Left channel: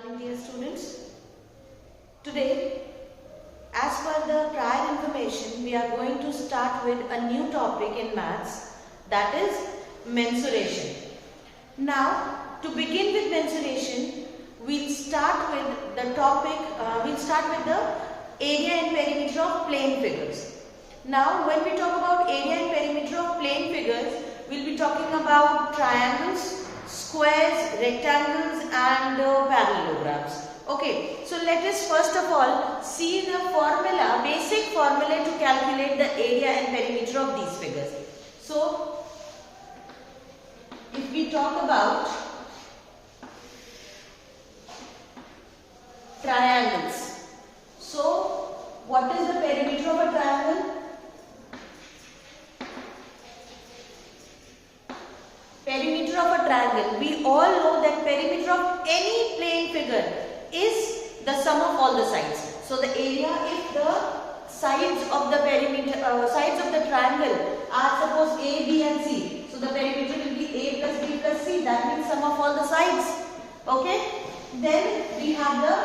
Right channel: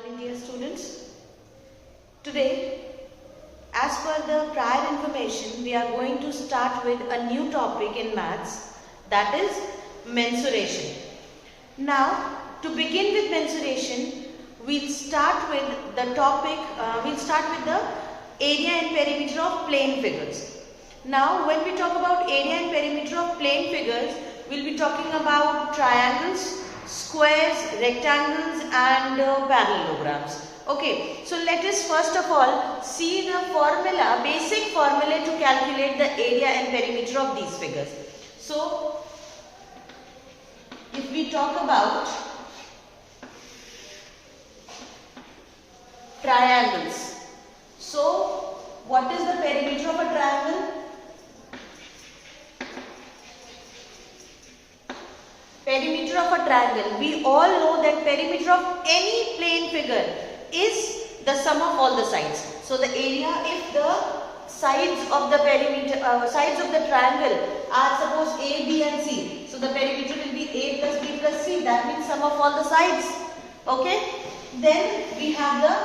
Morning, dear students. Today, as per the prior information, we are going to start with a new topic in maths, that is mensuration. Now, to begin with mensuration, we'll start with the topic, we'll start with the area and perimeter of plane figures. Now, when we talk about area and perimeter of plane figures, we'll be talking about triangles, squares, rectangles and parallelograms. Okay, so let us first of all see the formula, basic formula to calculate the area and perimeter of these figures. So, if we talk about triangles, so what is the perimeter of a triangle? Perimeter of a triangle. We all know that perimeter of any plane figure is the sum of all the sides. So the area, if the sides of the perimeter, sides of the triangle are suppose A, B and C. So the perimeter will be A plus B plus C. That means sum of all the sides. Okay. Then we have the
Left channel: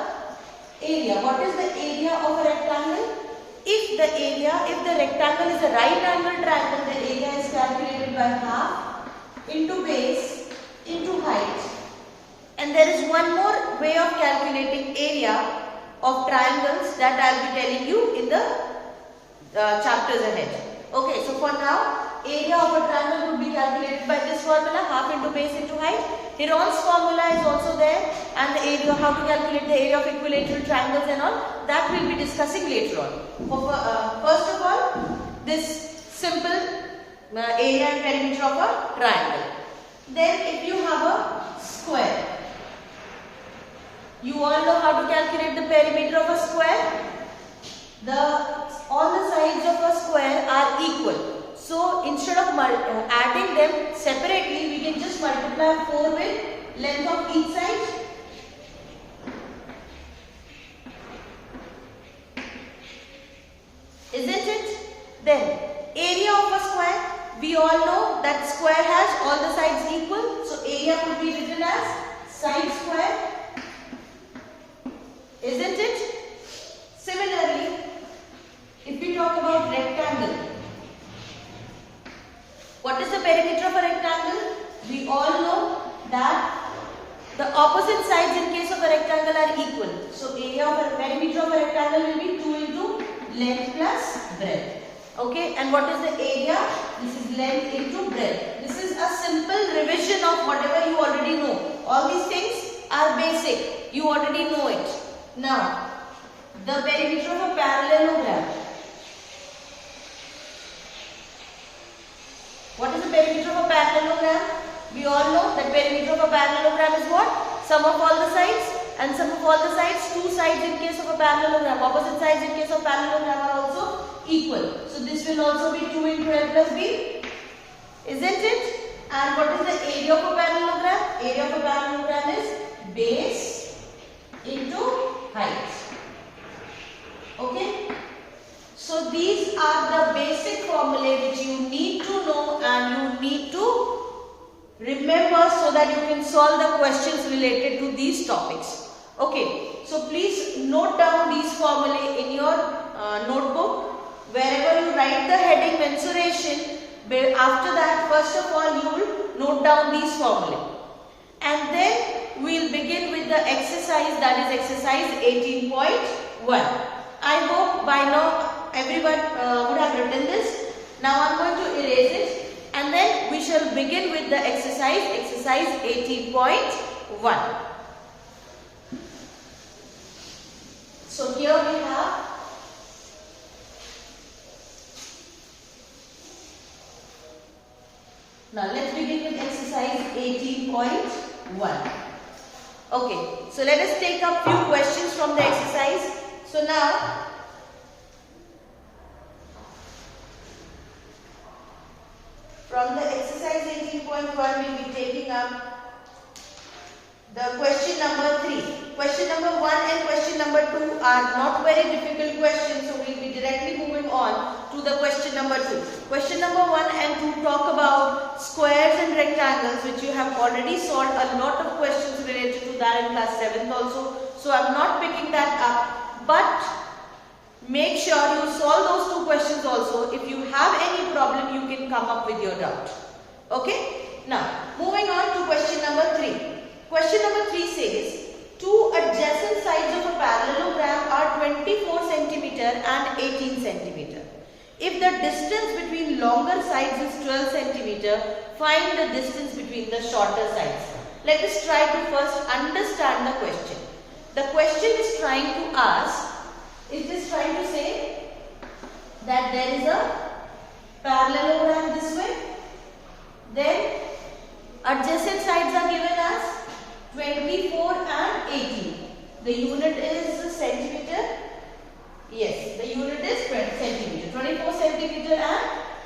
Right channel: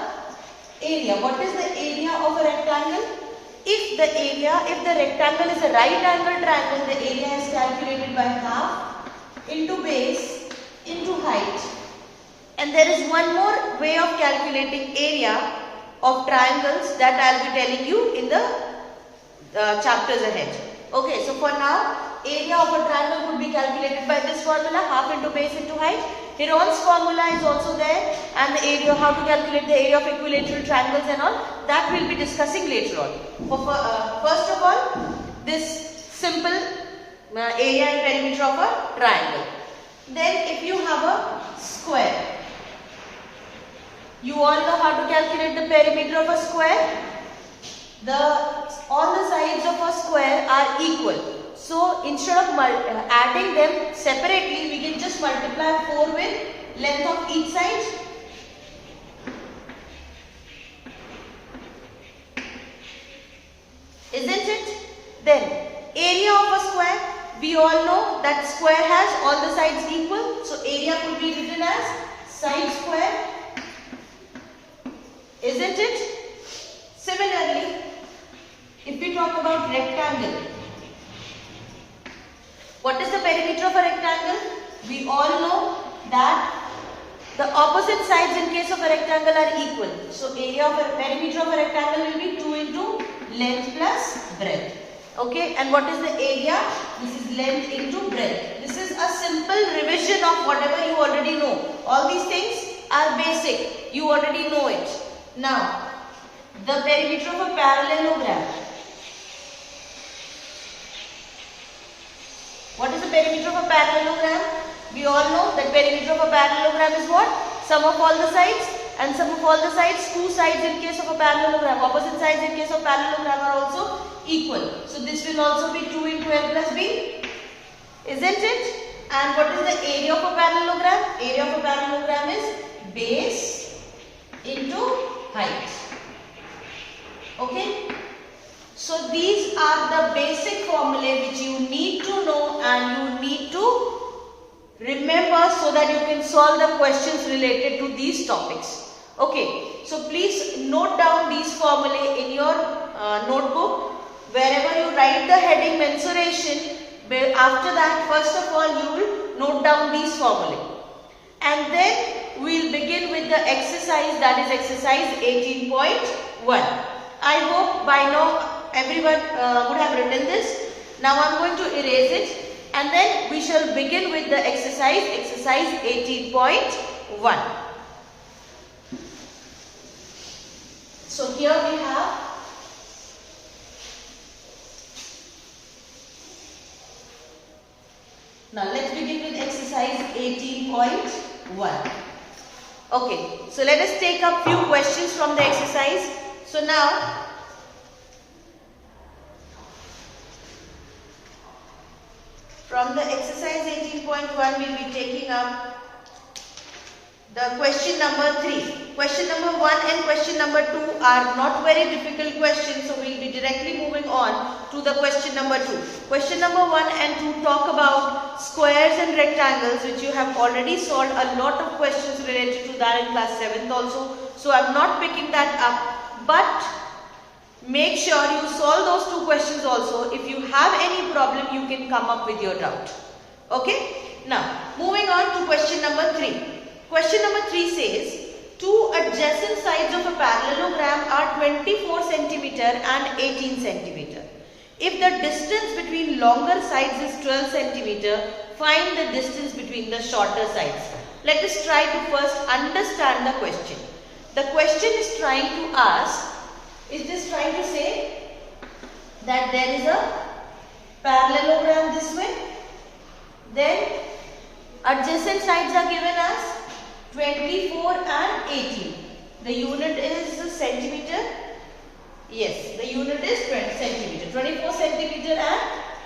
area. What is the area of a rectangle? If the rectangle is a right angle triangle, the area is calculated by half into base into height. And there is one more way of calculating area of triangles that I will be telling you in the chapters ahead. Okay, so for now, area of a triangle would be calculated by this formula, half into base into height. Heron's formula is also there, and the area, how to calculate the area of equilateral triangles and all, that we will be discussing later on. First of all, this simple area and perimeter of a triangle. Then if you have a square, you all know how to calculate the perimeter of a square. All the sides of a square are equal. So instead of adding them separately, we can just multiply 4 with length of each side. Isn't it? Then area of a square, we all know that square has all the sides equal. So area could be written as side square. Isn't it? Similarly, if we talk about rectangle, what is the perimeter of a rectangle? We all know that the opposite sides in case of a rectangle are equal. So area of a perimeter of a rectangle will be 2 into length plus breadth. Okay, and what is the area? This is length into breadth. This is a simple revision of whatever you already know. All these things are basic. You already know it. Now, the perimeter of a parallelogram. What is the perimeter of a parallelogram? We all know that perimeter of a parallelogram is what? Sum of all the sides, and sum of all the sides, two sides in case of a parallelogram, opposite sides in case of parallelogram are also equal. So this will also be 2 into L plus B. Isn't it? And what is the area of a parallelogram? Area of a parallelogram is base into height. Okay? So these are the basic formulae which you need to know and you need to remember so that you can solve the questions related to these topics. Okay, so please note down these formulae in your notebook. Wherever you write the heading mensuration, after that first of all you will note down these formulae. And then we will begin with the exercise, that is exercise 18.1. I hope by now everyone would have written this. Now I am going to erase it and then we shall begin with the exercise 18.1. So here we have now let's begin with exercise 18.1. Okay, so let us take up few questions from the exercise. So now from the exercise 18.1 we will be taking up the question number 3. Question number 1 and question number 2 are not very difficult questions, so we will be directly moving on to the question number 2. Question number 1 and 2 talk about squares and rectangles, which you have already solved a lot of questions related to that in class 7th also. So I'm not picking that up, but make sure you solve those 2 questions also. If you have any problem, you can come up with your doubt. Okay? Now, moving on to question number 3. Question number 3 says, two adjacent sides of a parallelogram are 24 centimeter and 18 centimeter. If the distance between longer sides is 12 centimeter, find the distance between the shorter sides. Let us try to first understand the question. The question is trying to ask, is this trying to say that there is a parallelogram this way, then adjacent sides are given as 24 and 18. The unit is centimeter. Yes, the unit is 20 centimeter. 24 centimeter and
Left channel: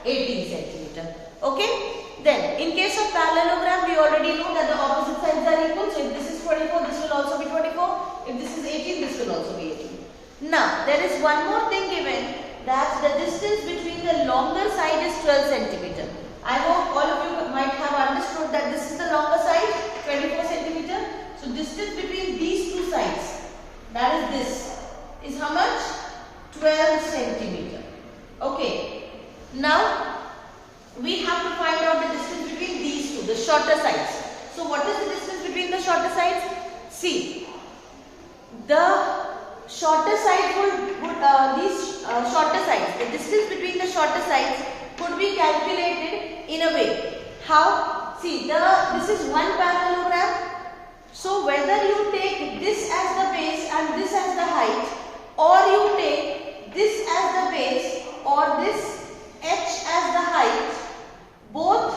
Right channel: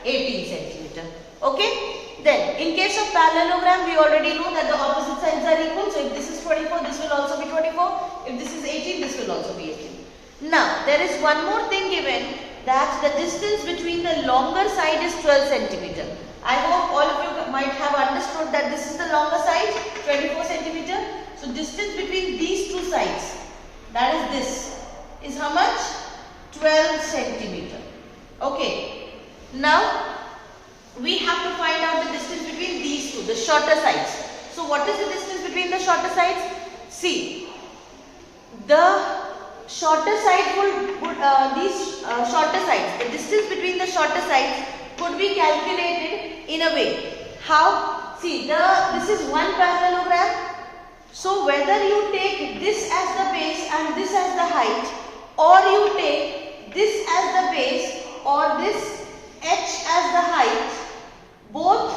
18 centimeter. Okay. Then, in case of parallelogram, we already know that the opposite sides are equal. So, if this is 24, this will also be 24. If this is 18, this will also be 18. Now, there is one more thing given, that the distance between the longer side is 12 centimeter. I hope all of you might have understood that this is the longer side, 24 centimeter. So, distance between these two sides, that is this, is how much? 12 centimeter. Okay. Now, we have to find out the distance between these two, the shorter sides. So, what is the distance between the shorter sides? See, the shorter side these shorter sides, the distance between the shorter sides could be calculated in a way. How? See, this is one parallelogram. So, whether you take this as the base and this as the height, or you take this as the base or this h as the height, both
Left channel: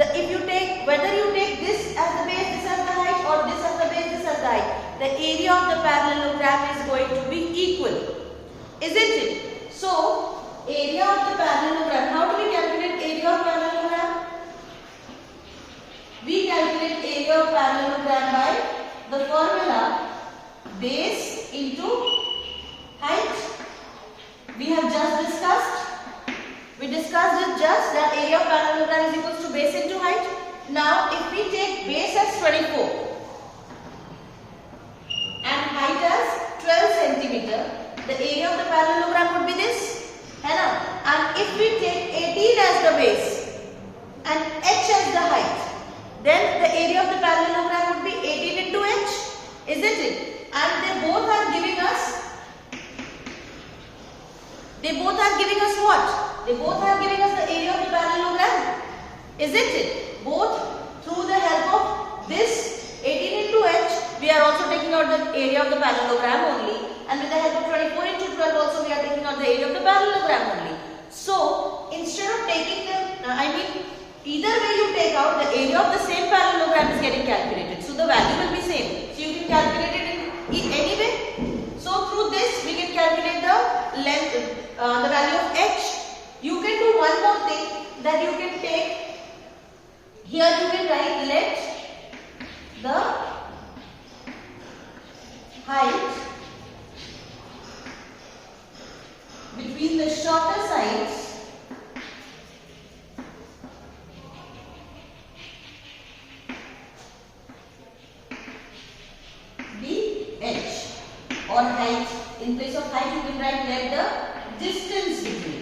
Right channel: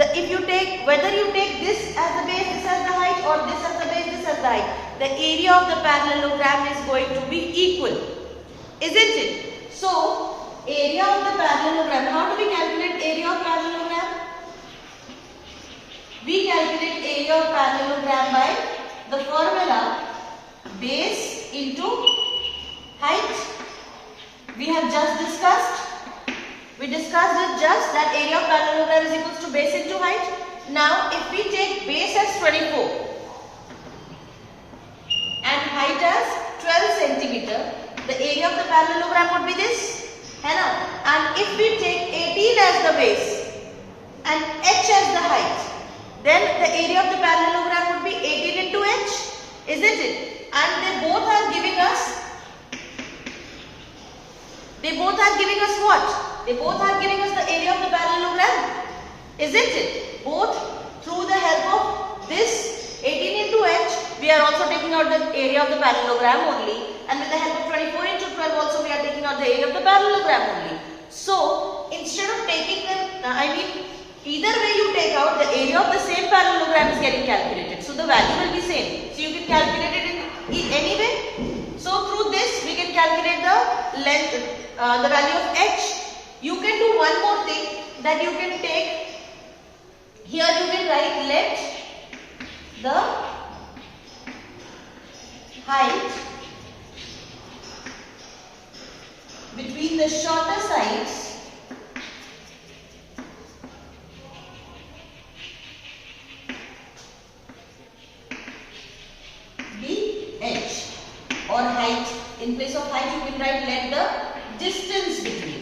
if you take, whether you take this as the base, this as the height, or this as the base, this as the height, the area of the parallelogram is going to be equal, isn't it? So, area of the parallelogram, how do we calculate area of parallelogram? We calculate area of parallelogram by the formula base into height. We have just discussed. We discussed it just that area of parallelogram is equal to base into height. Now, if we take base as 24 and height as 12 centimeter, the area of the parallelogram would be this. And if we take 18 as the base and h as the height, then the area of the parallelogram would be 18 into h, isn't it? And they both are giving us what? They both are giving us the area of the parallelogram, isn't it? Both through the help of this 18 into h, we are also taking out the area of the parallelogram only, and with the help of 24 into 12 also we are taking out the area of the parallelogram only. So, instead of taking either way you take out, the area of the same parallelogram is getting calculated. So, the value will be same. So, you can calculate it in any way. So, through this we can calculate the length, the value of h. You can do one more thing, that you can take, here you can write let the height between the shorter sides be h, or height. In place of height you can write let the distance between.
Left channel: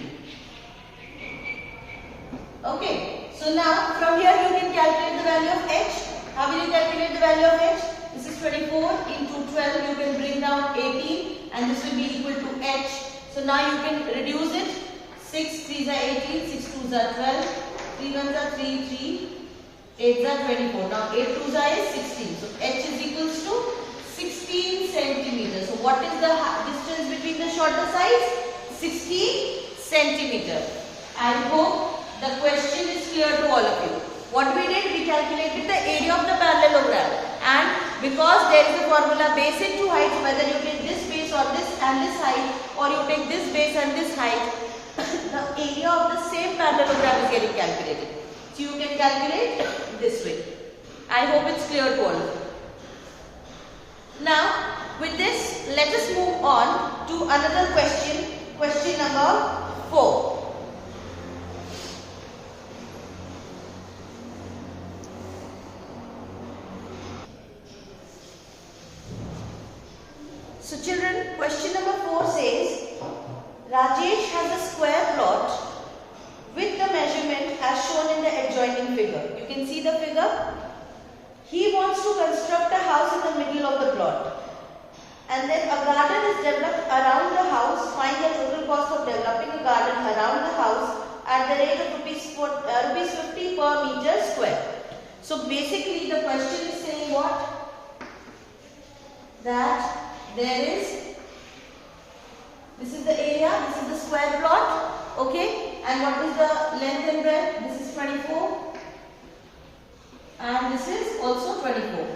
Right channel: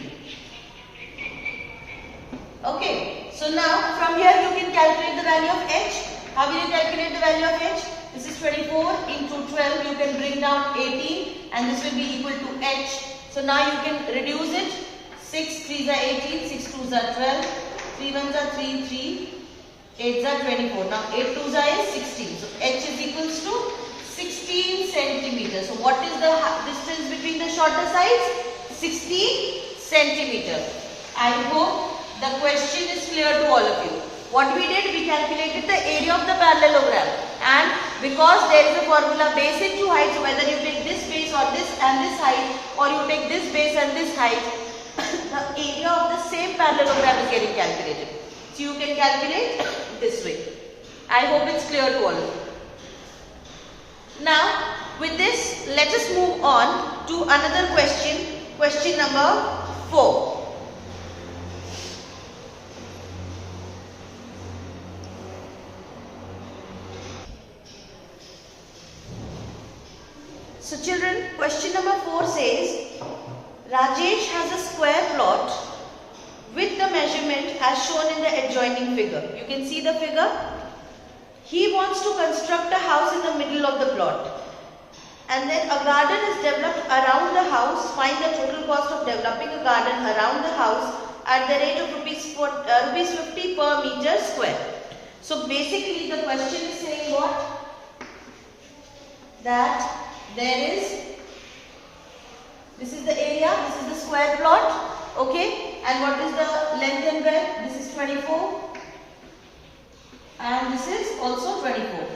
Okay, so now from here you can calculate the value of h. How will you calculate the value of h? This is 24 into 12, you can bring down 18 and this will be equal to h. So now you can reduce it. 6 3s are 18, 6 2s are 12, 3 1s are 3, 3, 8s are 24. Now 8 2s are 16. So h is equals to 16 centimeters. So what is the distance between the shorter sides? 16 centimeter. I hope the question is clear to all of you. What we did, we calculated the area of the parallelogram, and because there is a formula base into height, so whether you take this base or this and this height, or you take this base and this height, the area of the same parallelogram is getting calculated. So you can calculate this way. I hope it's clear to all of you. Now, with this, let us move on to another question Question number 4. So children, question number 4 says, Rajesh has a square plot with the measurement as shown in the adjoining figure. You can see the figure. He wants to construct a house in the middle of the plot. And then a garden is developed around the house. Find the total cost of developing a garden around the house at the rate of rupees 50 per meter square. So basically the question is saying what? That this is the area, this is the square plot, okay, and what is the length and breadth? This is 24 and this is also 24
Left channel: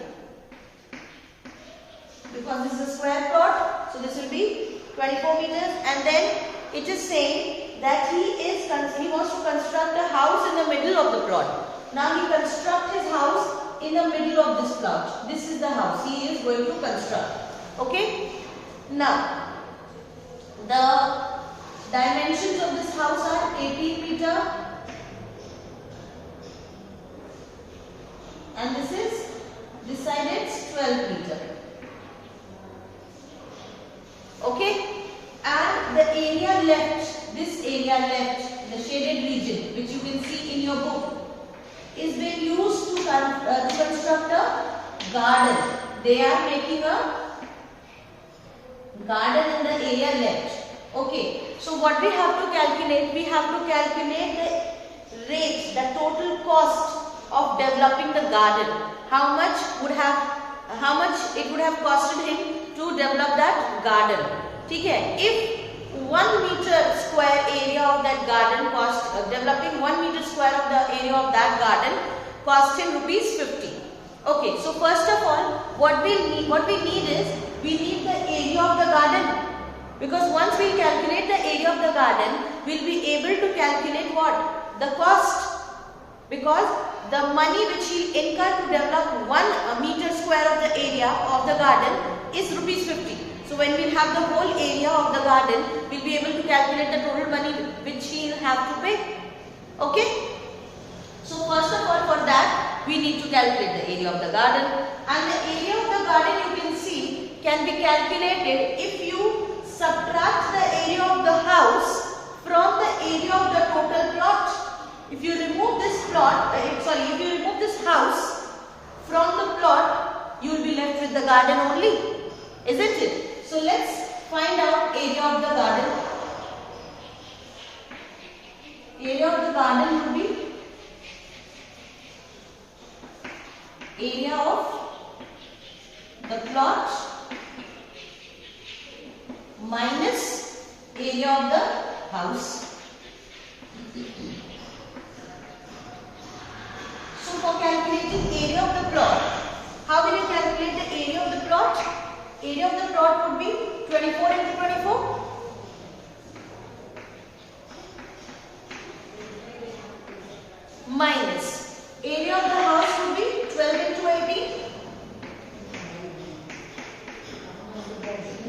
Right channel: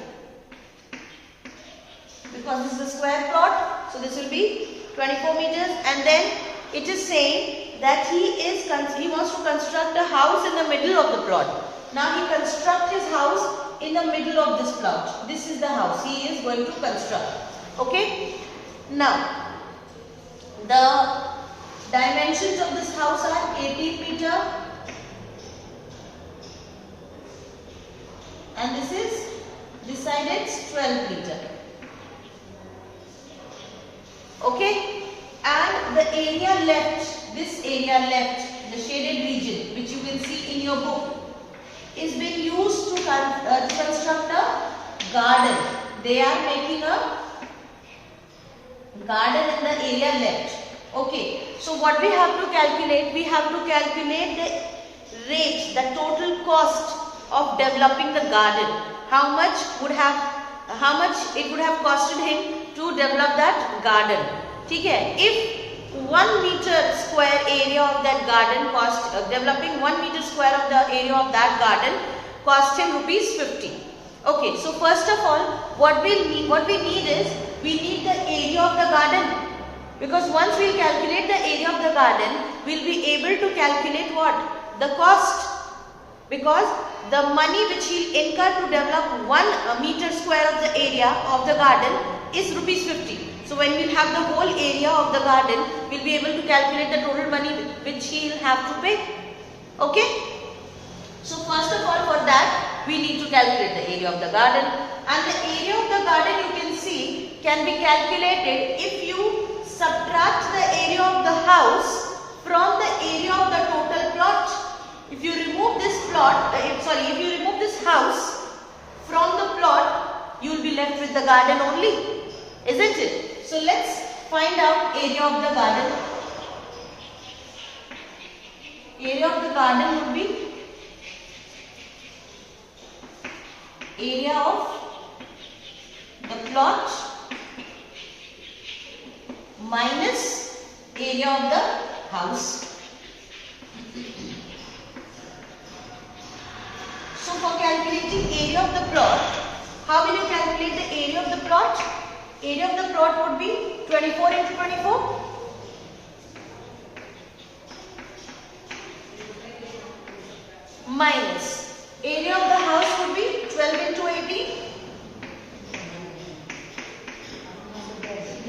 because this is a square plot, so this will be 24 meters. And then it is saying that he wants to construct a house in the middle of the plot. Now he constructs his house in the middle of this plot. This is the house he is going to construct. Okay, now the dimensions of this house are 18 meter and this side is 12 meter. Okay, and the area left, this area left, the shaded region which you can see in your book, is being used to construct a garden. They are making a garden in the area left. Okay, so what we have to calculate? We have to calculate the rate, the total cost of developing the garden. How much it would have costed him to develop that garden. ठीक है? If 1 meter square area of that garden cost, developing 1 meter square of the area of that garden cost him rupees 50. Okay, so first of all, what we need is, we need the area of the garden, because once we calculate the area of the garden, we will be able to calculate what? The cost, because the money which he will incur to develop 1 meter square of the area of the garden is rupees 50. So when we will have the whole area of the garden, we will be able to calculate the total money which he will have to pay. Okay? So first of all, for that we need to calculate the area of the garden, and the area of the garden, you can see, can be calculated if you subtract the area of the house from the area of the total plot. If you remove this plot, if you remove this house from the plot, you will be left with the garden only, isn't it? So let's find out area of the garden. Area of the garden would be area of the plot minus area of the house. So for calculating area of the plot, how will you calculate the area of the plot? Area of the plot would be 24 into 24. Minus area of the house would be 12 into 18.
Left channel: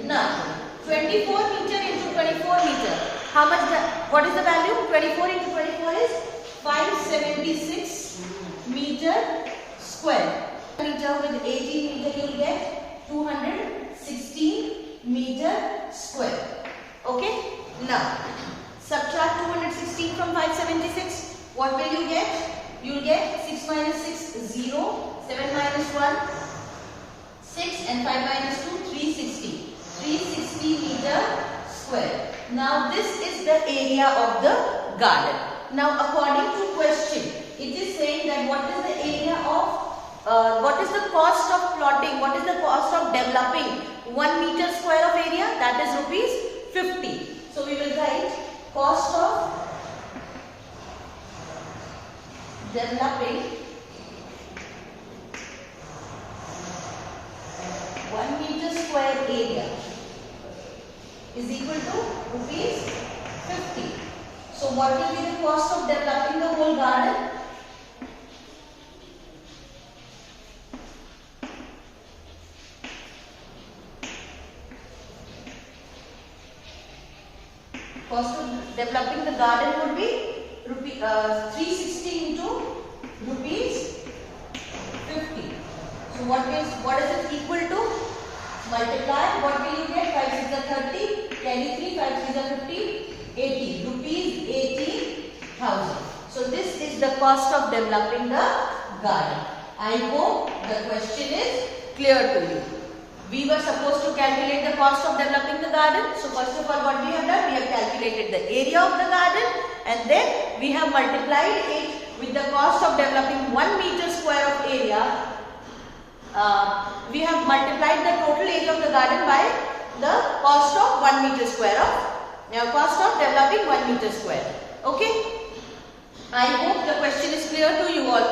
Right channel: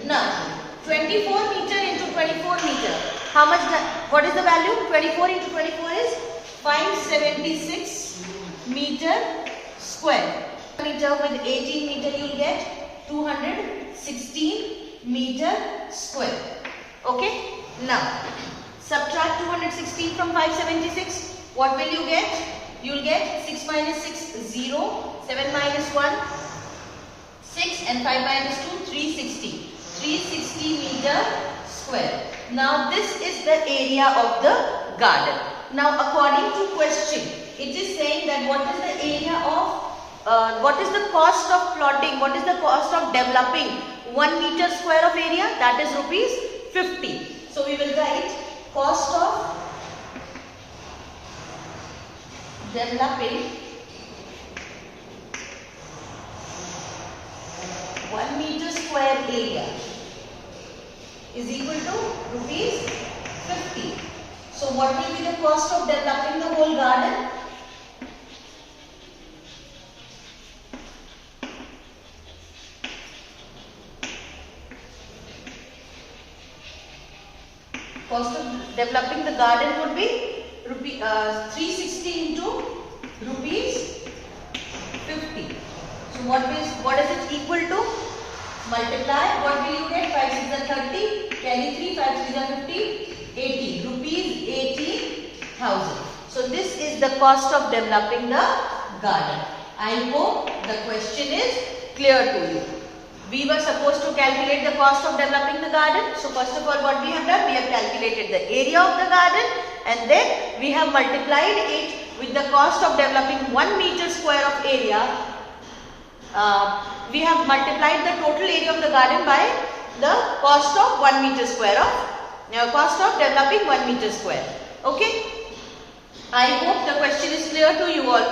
Now 24 meter into 24 meter. How much? What is the value? 24 into 24 is 576 meter square. Meter with 18 meter you will get 216 meter square. Okay. Now subtract 216 from 576. What will you get? You will get 6 minus 6, 0, 7 minus 1, 6, and 5 minus 2, 360. 360 meter square. Now this is the area of the garden. Now according to question, it is saying that what is the area of, what is the cost of plotting, what is the cost of developing 1 meter square of area? That is rupees 50. So we will write cost of developing 1 meter square area is equal to rupees 50. So what will be the cost of developing the whole garden? Cost of developing the garden would be 360 into rupees 50. So what is it equal to? Multiply. What will you get? 5 6 are 30. Carry 3. 5 3 are 50. 80. Rupees 80,000. So this is the cost of developing the garden. I hope the question is clear to you. We were supposed to calculate the cost of developing the garden. So first of all, what we have done? We have calculated the area of the garden, and then we have multiplied it with the cost of developing 1 meter square of area. We have multiplied the total area of the garden by the cost of 1 meter square of cost of developing 1 meter square. Okay. I hope the question is clear to you all.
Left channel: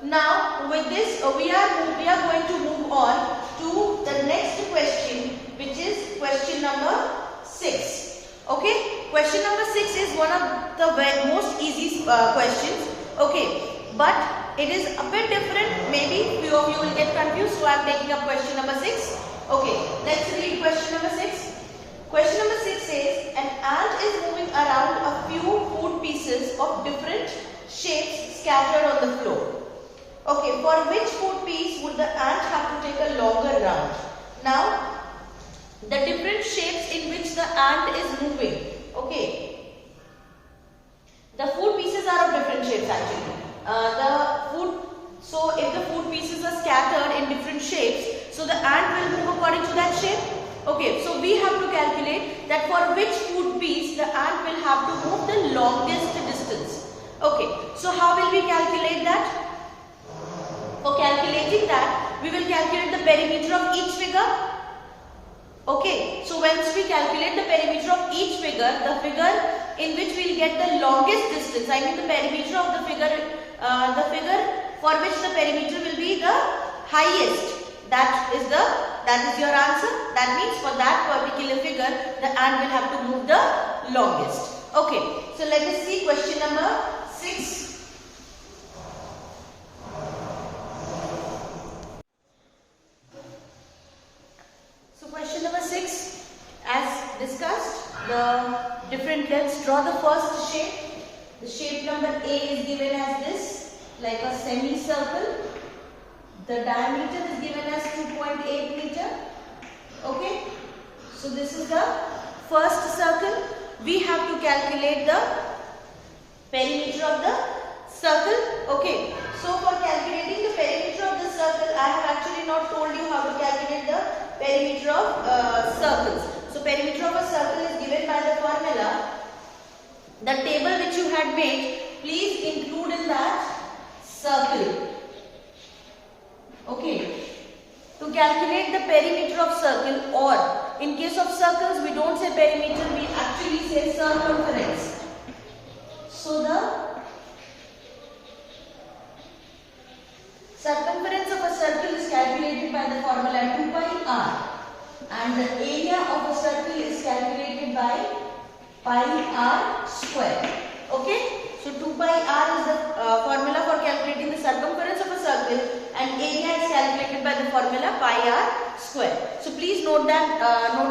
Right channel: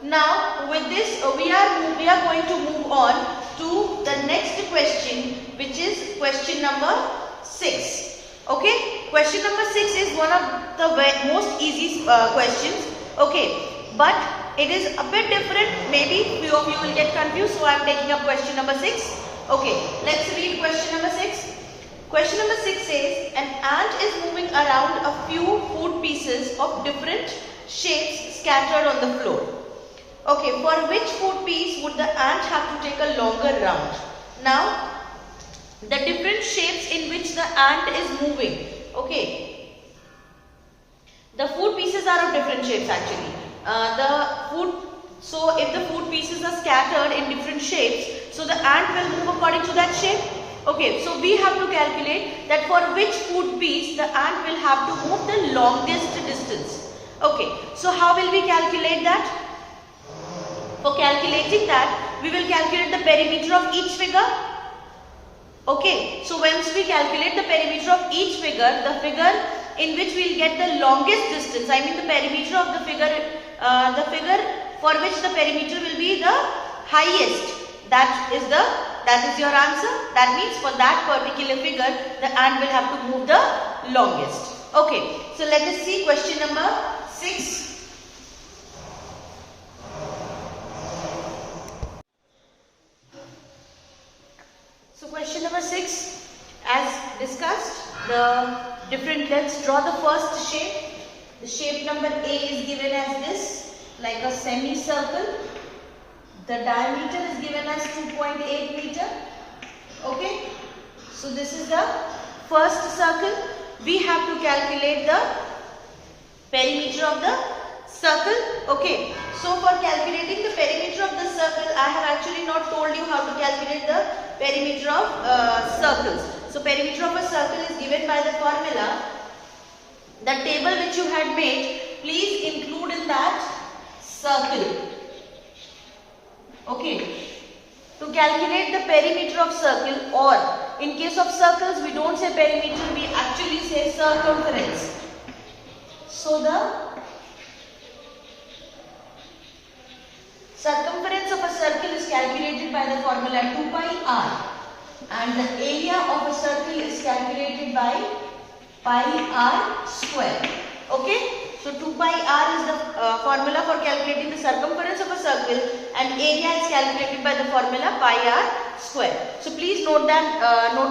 Now with this we are going to move on to the next question, which is question number 6. Okay. Question number 6 is one of the most easy questions. Okay. But it is a bit different. Maybe few of you will get confused. So I am taking up question number 6. Okay. Let's read question number 6. Question number 6 says, an ant is moving around a few food pieces of different shapes scattered on the floor. Okay, for which food piece would the ant have to take a longer round? Now, the different shapes in which the ant is moving. Okay, the food pieces are of different shapes actually. So if the food pieces are scattered in different shapes, so the ant will move according to that shape. Okay, so we have to calculate that for which food piece the ant will have to move the longest distance. Okay, so how will we calculate that? For calculating that, we will calculate the perimeter of each figure. Okay, so once we calculate the perimeter of each figure, the figure in which we will get the longest distance, I mean the perimeter of the figure for which the perimeter will be the highest, that is your answer. That means for that particular figure, the ant will have to move the longest. Okay, so let us see question number 6. So question number 6, as discussed, let's draw the first shape. The shape number A is given as this, like a semicircle. The diameter is given as 2.8 meter. Okay. So this is the first circle. We have to calculate the perimeter of the circle. Okay. So for calculating the perimeter of the circle, I have actually not told you how to calculate the perimeter of circles. So perimeter of a circle is given by the formula. The table which you had made, please include in that circle. Okay. To calculate the perimeter of circle, or in case of circles we don't say perimeter, we actually say circumference. So the circumference of a circle is calculated by the formula 2 pi r, and the area of a circle is calculated by pi r square. Okay. So 2 pi r is the formula for calculating the circumference of a circle, and area is calculated by the formula pi r square. So please note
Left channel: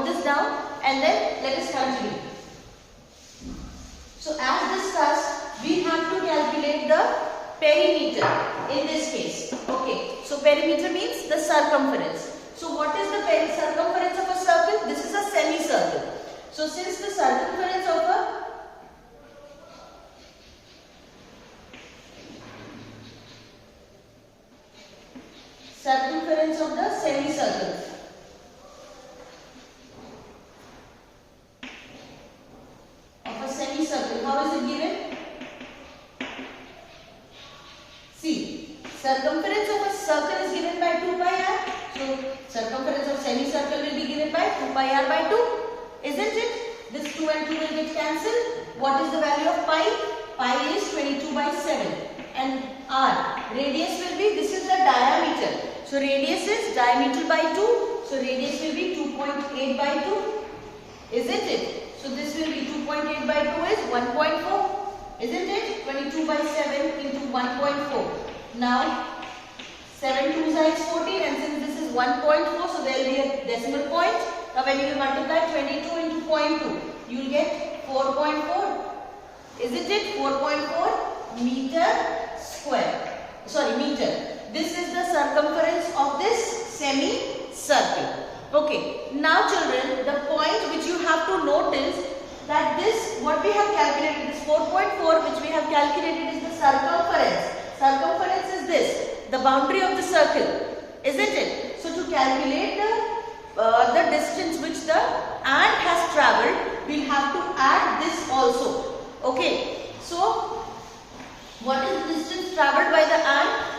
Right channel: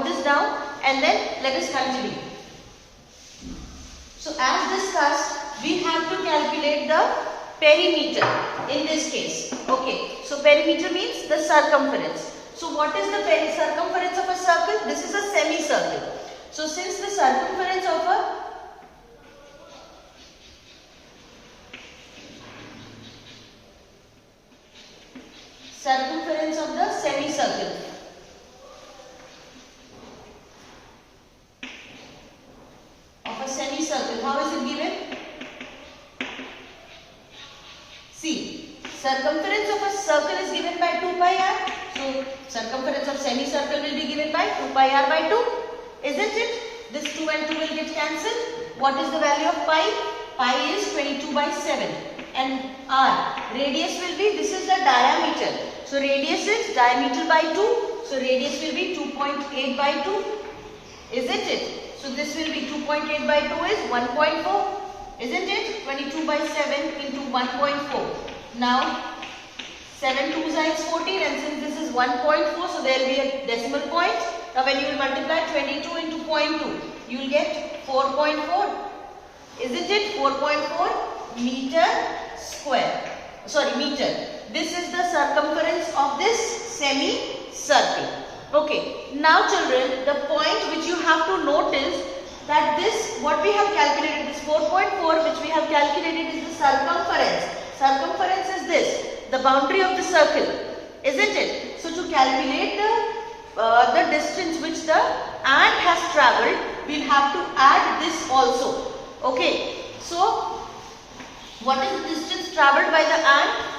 this down, and then let us continue. So as discussed, we have to calculate the perimeter in this case. Okay. So perimeter means the circumference. So what is the circumference of a circle? This is a semicircle. So since the circumference of a semicircle how is it given? See, circumference of a circle is given by 2 pi r. So circumference of semicircle will be given by 2 pi r by 2. Isn't it? This 2 and 2 will get cancelled. What is the value of pi? Pi is 22 by 7. And r, radius will be, this is the diameter. So radius is diameter by 2. So radius will be 2.8 by 2. Isn't it? So this will be 2.8 by 2 is 1.4. Isn't it? 22 by 7 into 1.4. Now 7 2s is 14, and since this is 1.4, so there will be a decimal point. Now when you will multiply 22 into 0.2, you will get 4.4. Isn't it? 4.4 meter square. Sorry, meter. This is the circumference of this semicircle. Okay. Now children, the point which you have to note is that this, what we have calculated, this 4.4 which we have calculated is the circumference. Circumference is this, the boundary of the circle, isn't it? So to calculate the distance which the ant has travelled, we'll have to add this also. Okay. So what is the distance travelled by the ant?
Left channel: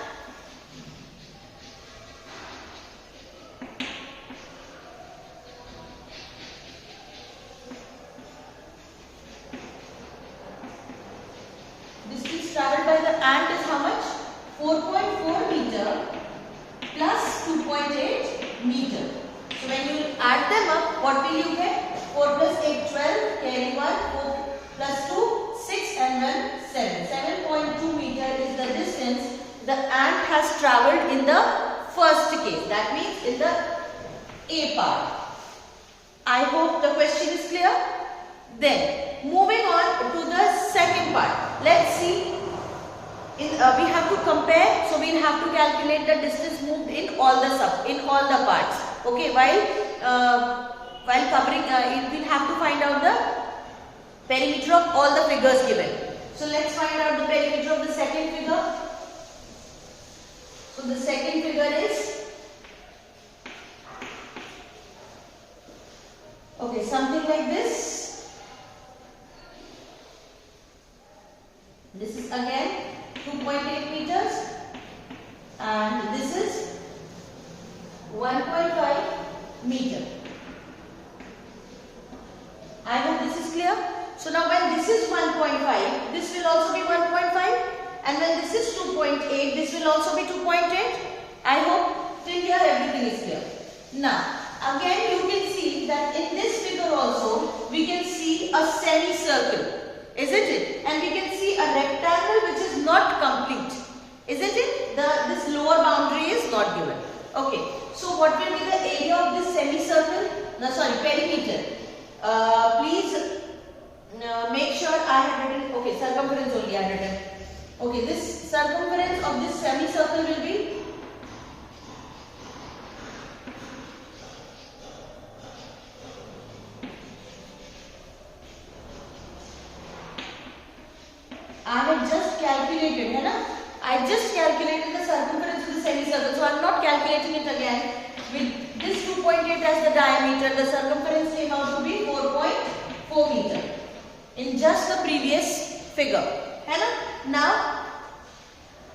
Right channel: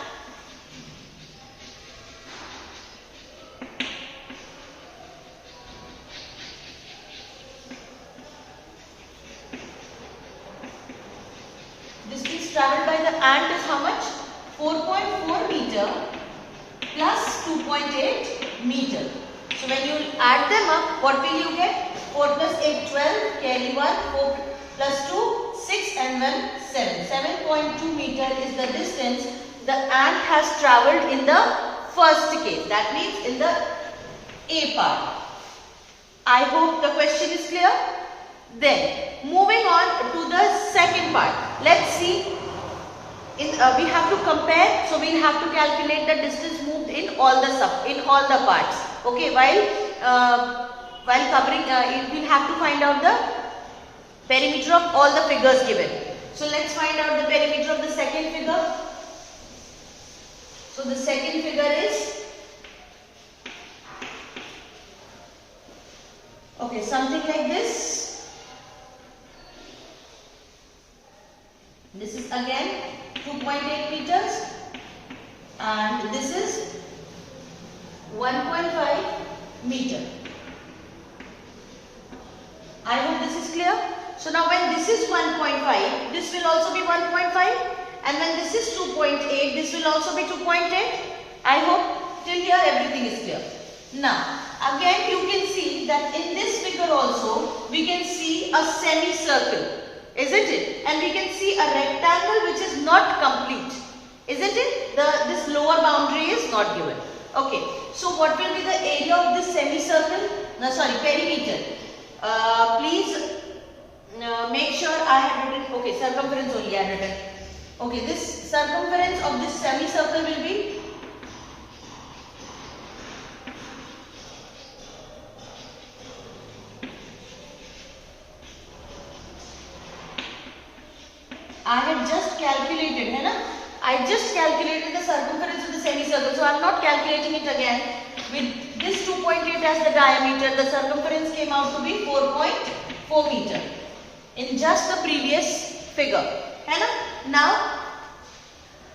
Distance travelled by the ant is how much? 4.4 meter plus 2.8 meter. So when you add them up, what will you get? 4 plus 8, 12, carry 1, 4 plus 2, 6 and 1, 7. 7.2 meter is the distance the ant has travelled in the first case. That means in the A part. I hope the question is clear. Then moving on to the second part. Let's see. We have to compare, so we will have to calculate the distance moved in all the parts. Okay, while covering, we will have to find out the perimeter of all the figures given. So let's find out the perimeter of the second figure. So the second figure is, okay, something like this. This is again 2.8 meters and this is 1.5 meter. I hope this is clear. So now when this is 1.5, this will also be 1.5, and when this is 2.8, this will also be 2.8. I hope till here everything is clear. Now again you can see that in this figure also we can see a semicircle, isn't it? And we can see a rectangle which is not complete, isn't it? This lower boundary is not given. Okay, so what will be the area of this semicircle? No, sorry, perimeter. Please make sure I have written, okay, circumference only I have written. Okay, this circumference of this semicircle will be I have just calculated, है ना? I just calculated the circumference of the semicircle, so I am not calculating it again. With this 2.8 as the diameter, the circumference came out to be 4.4 meter in just the previous figure, है ना? Now,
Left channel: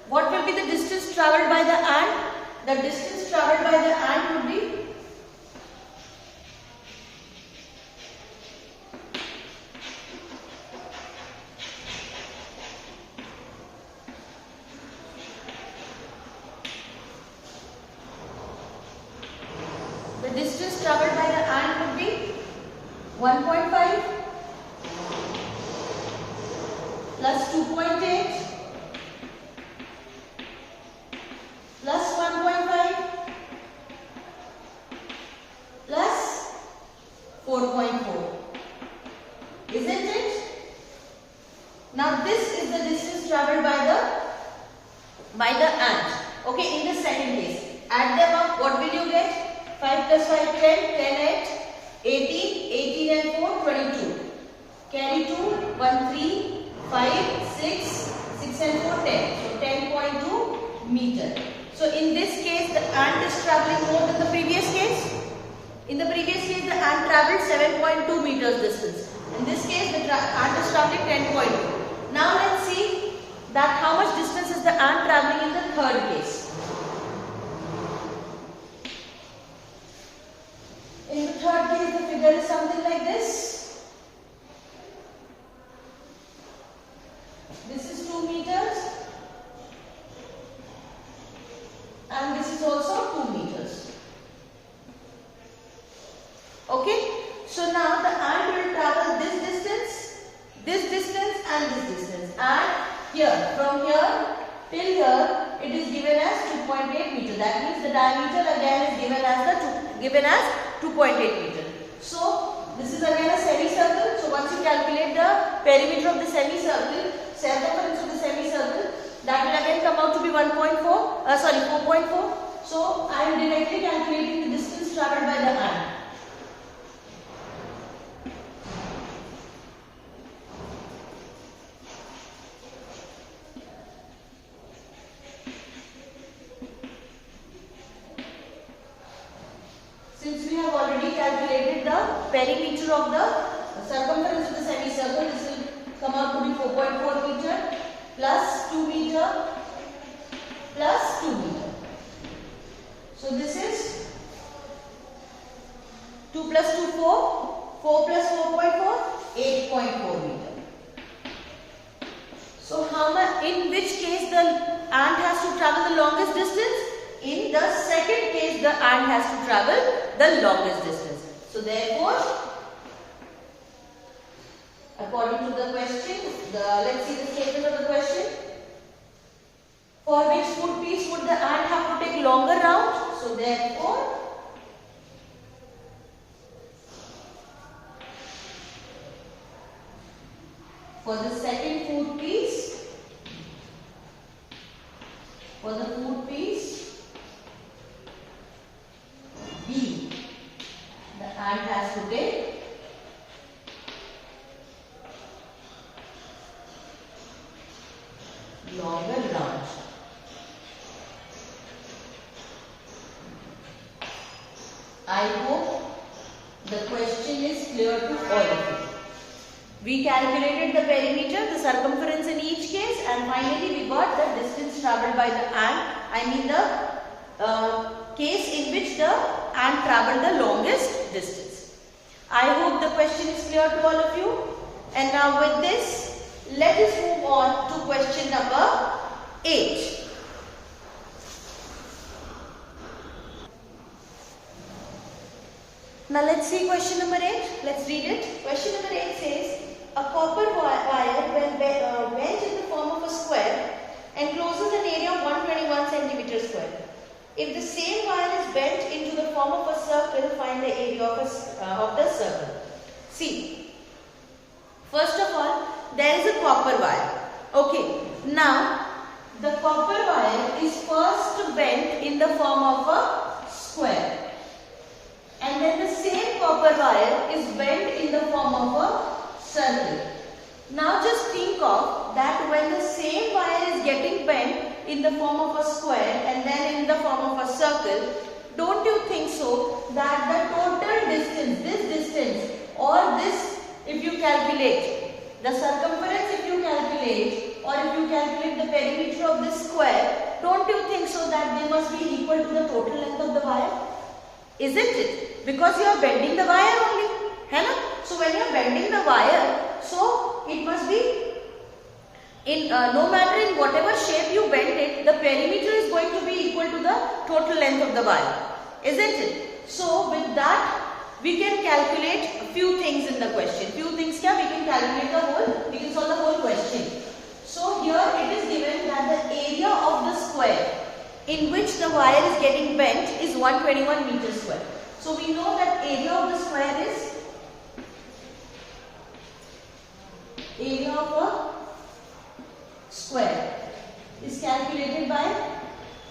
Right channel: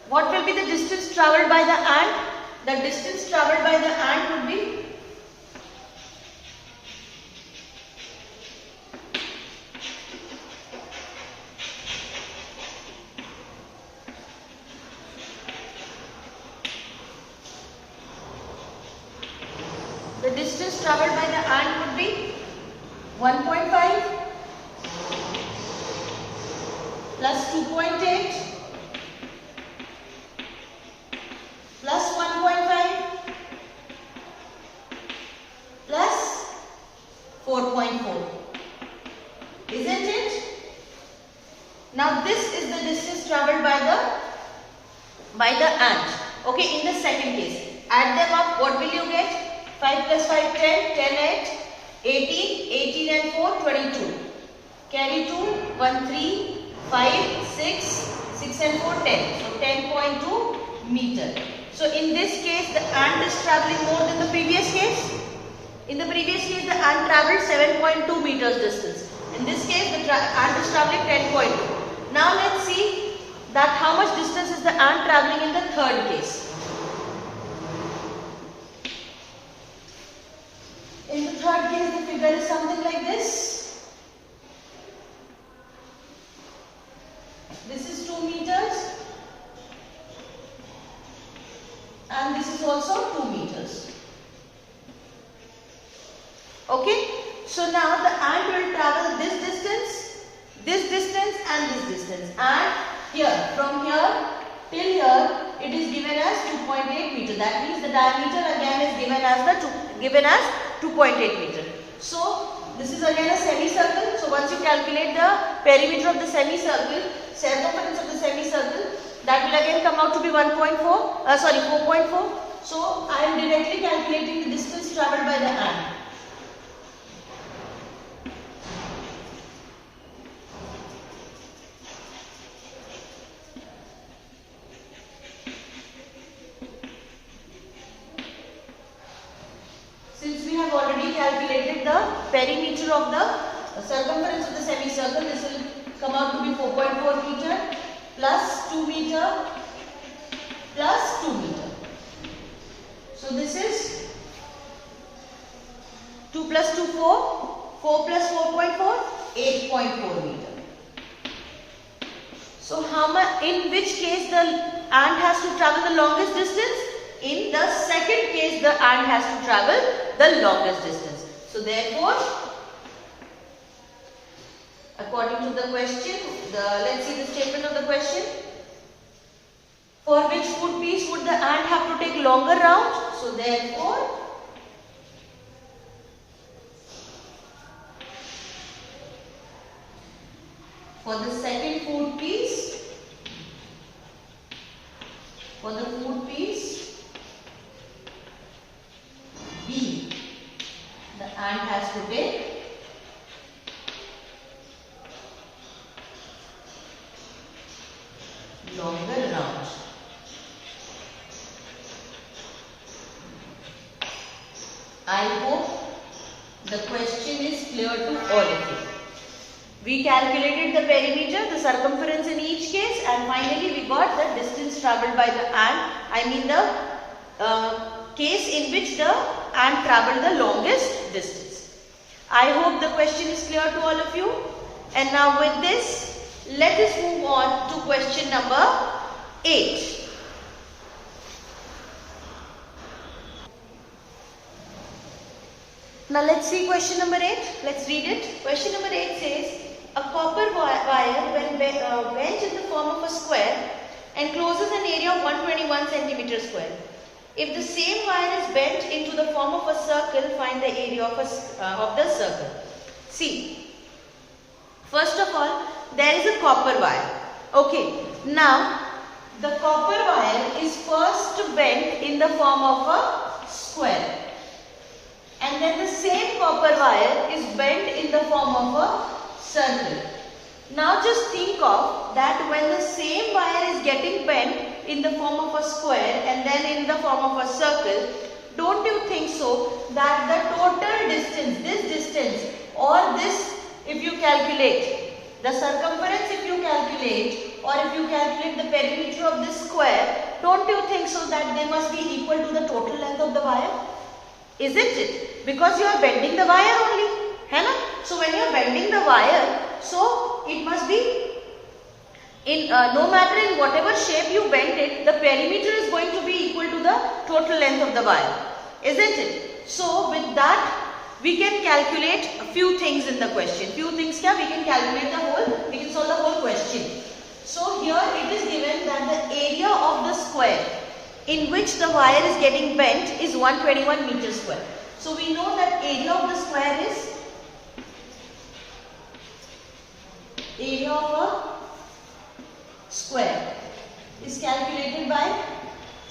what will be the distance travelled by the ant? The distance travelled by the ant would be travelled by the ant would be 1.5 plus 2.8 plus 1.5 plus 4.4. Isn't it? Now this is the distance travelled by the ant. Okay, in the second case. Add them up, what will you get? 5 plus 5, 10, 10, 8, 18, 18 and 4, 22. Carry 2, 1, 3, 5, 6, 6 and 4, 10. So 10.2 meter. So in this case, the ant is travelling more than the previous case. In the previous case, the ant travelled 7.2 meters distance. In this case, the ant is travelling 10.2. Now let's see that how much distance is the ant travelling in the third case. In the third case, the figure is something like this. This is 2 meters and this is also 2 meters. Okay, so now the ant will travel this distance and this distance, and here, from here till here, it is given as 2.8 meter. That means the diameter again is given as 2.8 meter. So this is again a semicircle. So once you calculate the perimeter of the semicircle, circumference of the semicircle, that will again come out to be 4.4. So I am directly calculating the distance travelled by the ant. Since we have already calculated the perimeter of the circumference of the semicircle, this will come out to be 4.4 meter plus 2 meter plus 2 meter. So this is 2 plus 2, 4, 4 plus 4.4, 8.4 meter. So in which case the ant has to travel the longest distance? In the second case, the ant has to travel the longest distance. So therefore, according to the question, let's see the statement of the question. For which foot piece would the ant have to take longer round? So therefore, for the second foot piece, B, the ant has to take longer round. I hope the question is clear to all of you. We calculated the perimeter, the circumference in each case, and finally we got the distance travelled by the ant. I mean the case in which the ant travelled the longest distance. I hope the question is clear to all of you. And now with this, let us move on to question number 8. Now let's see question number 8. Let's read it. Question number 8 says, a copper wire when bent in the form of a square encloses an area of 121 centimeter square. If the same wire is bent into the form of a circle, find the area of the circle. See, first of all, there is a copper wire. Okay, now the copper wire is first bent in the form of a square. And then the same copper wire is bent in the form of a circle. Now just think of that when the same wire is getting bent in the form of a square and then in the form of a circle, don't you think so that the total distance, this distance or this, if you calculate, the circumference if you calculate or if you calculate the perimeter of this square, don't you think so that they must be equal to the total length of the wire? Isn't it? Because you are bending the wire only. है ना? So when you are bending the wire, so it must be in no matter in whatever shape you bend it, the perimeter is going to be equal to the total length of the wire. Isn't it? So with that, we can calculate a few things in the question. Few things we can calculate we can solve the whole question. So here it is given that the area of the square in which the wire is getting bent is 121 meters square. So we know that area of the square is area of a square is calculated by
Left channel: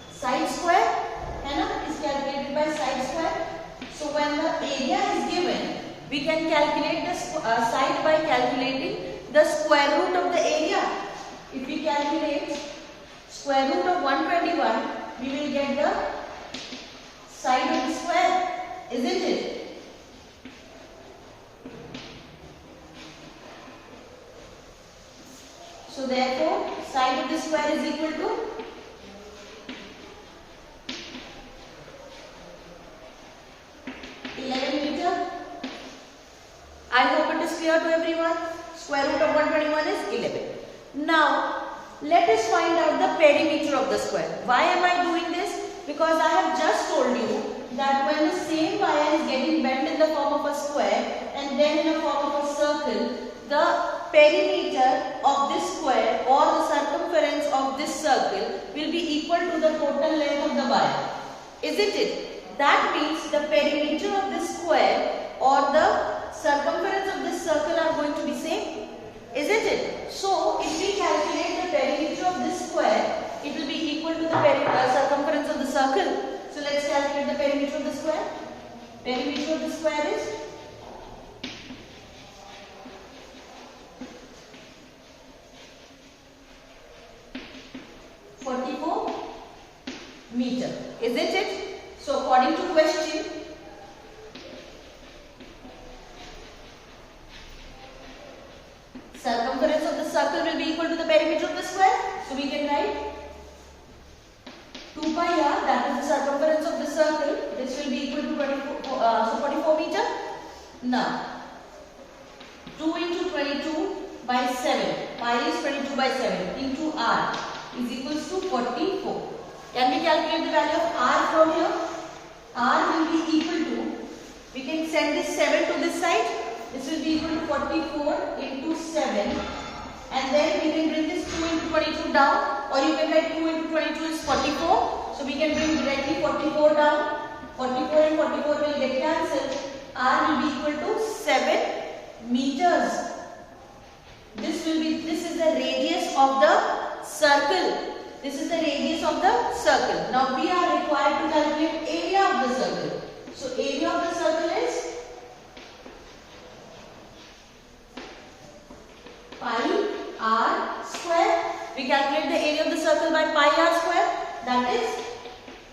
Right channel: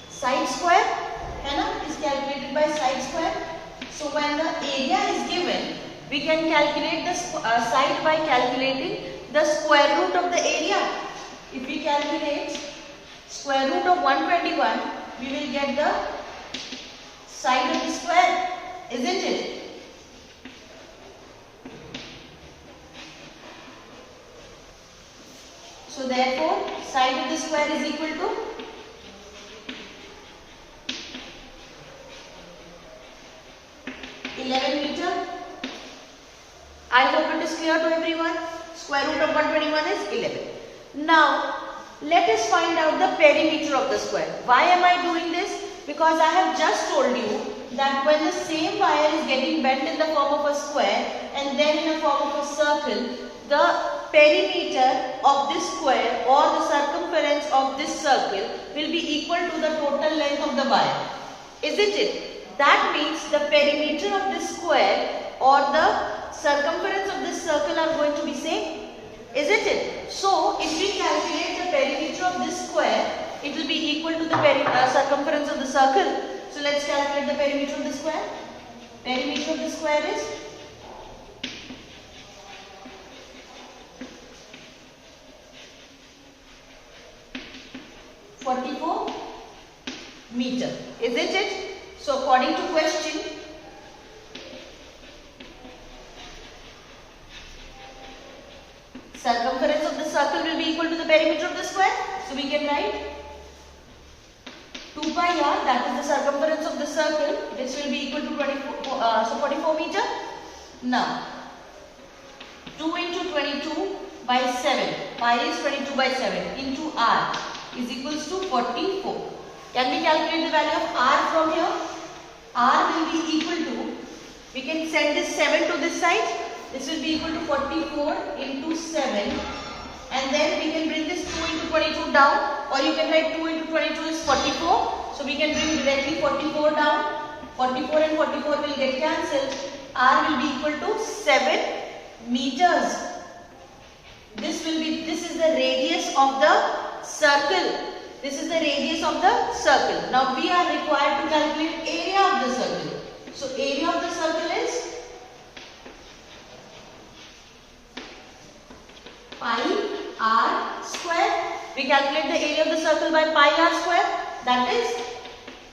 side square, is calculated by side square. So when the area is given, we can calculate the side by calculating the square root of the area. If we calculate square root of 121, we will get the side of the square, isn't it? So therefore, side of the square is equal to meter. I hope it is clear to everyone. Square root of 121 is 11. Now, let us find out the perimeter of the square. Why am I doing this? Because I have just told you that when the same wire is getting bent in the form of a square and then in the form of a circle, the perimeter of this square or the circumference of this circle will be equal to the total length of the wire. Isn't it? That means the perimeter of this square or the circumference of this circle are going to be same, isn't it? So if we calculate the perimeter of this square, it will be equal to the circumference of the circle. So let's calculate the perimeter of the square. Perimeter of the square is 44 meter, isn't it? So according to question, circumference of the circle will be equal to the perimeter of the square. So we can write 2 pi r, that is the circumference of the circle. This will be equal to 44 meter. Now 2 into 22 by 7, pi is 22 by 7 into r is equals to 44. Can we calculate the value of r from here? R will be equal to, we can send this 7 to this side. This will be equal to 44 into 7, and then we can bring this 2 into 22 down, or you can write 2 into 22 is 44. So we can bring directly 44 down. 44 and 44 will get cancelled. R will be equal to 7 meters. This is the radius of the circle. This is the radius of the circle. Now we are required to calculate area of the circle. So area of the circle is pi r square. We calculate the area of the circle by pi r square. That is